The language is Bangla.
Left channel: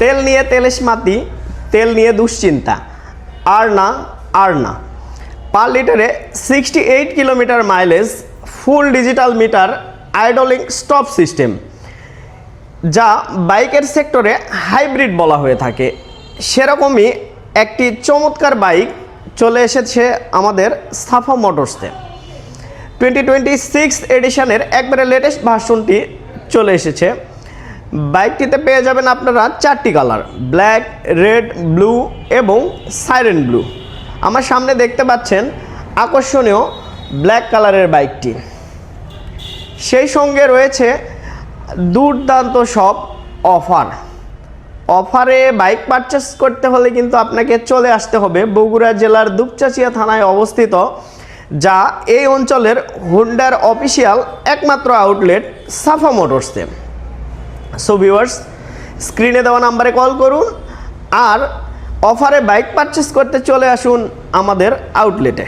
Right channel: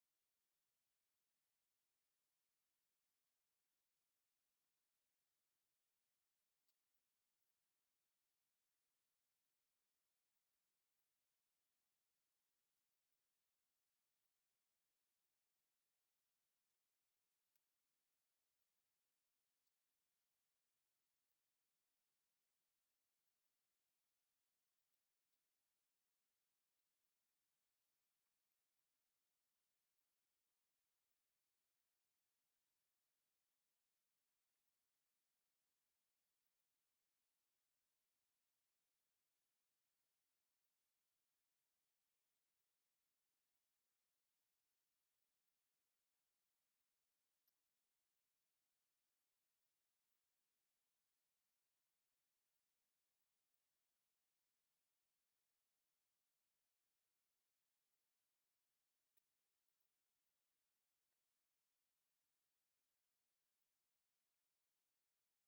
তেল নিয়ে তেলেশমাতি, তেল নিয়ে দুশ্চিন্তা, আর না। পার লিটারে 68 kilometre mileage, full digital meter, idling stop system, যা বাইকের সেক্টরে হাইব্রিড বলা হয়ে থাকে। সেরকমই একটি চমৎকার বাইক চলে এসেছে আমাদের সাফা মোটরসে। 2026 এডিশনের একবারে লেটেস্ট ভার্সনটি চলে এসেছে। বাইকটিতে পেয়ে যাবেন আপনারা 4টি কালার, ব্ল্যাক, রেড, ব্লু এবং সাইরেন ব্লু। আমার সামনে দেখতে পাচ্ছেন আকর্ষণীয় ব্ল্যাক কালারের বাইকটি। সেই সঙ্গে রয়েছে দুর্দান্ত সব অফারে বাইক পারচেস করতে হলে কিন্তু আপনাকে চলে আসতে হবে বগুড়া জেলার দুপচাচিয়া থানায় অবস্থিত, যা এই অঞ্চলের হোন্ডার অফিসিয়াল একমাত্র আউটলেট সাফা মোটরসে। সো ভিউয়ার্স, স্ক্রিনে দেওয়া নাম্বারে কল করুন আর অফারে বাইক পারচেস করতে চলে আসুন আমাদের আউটলেটে।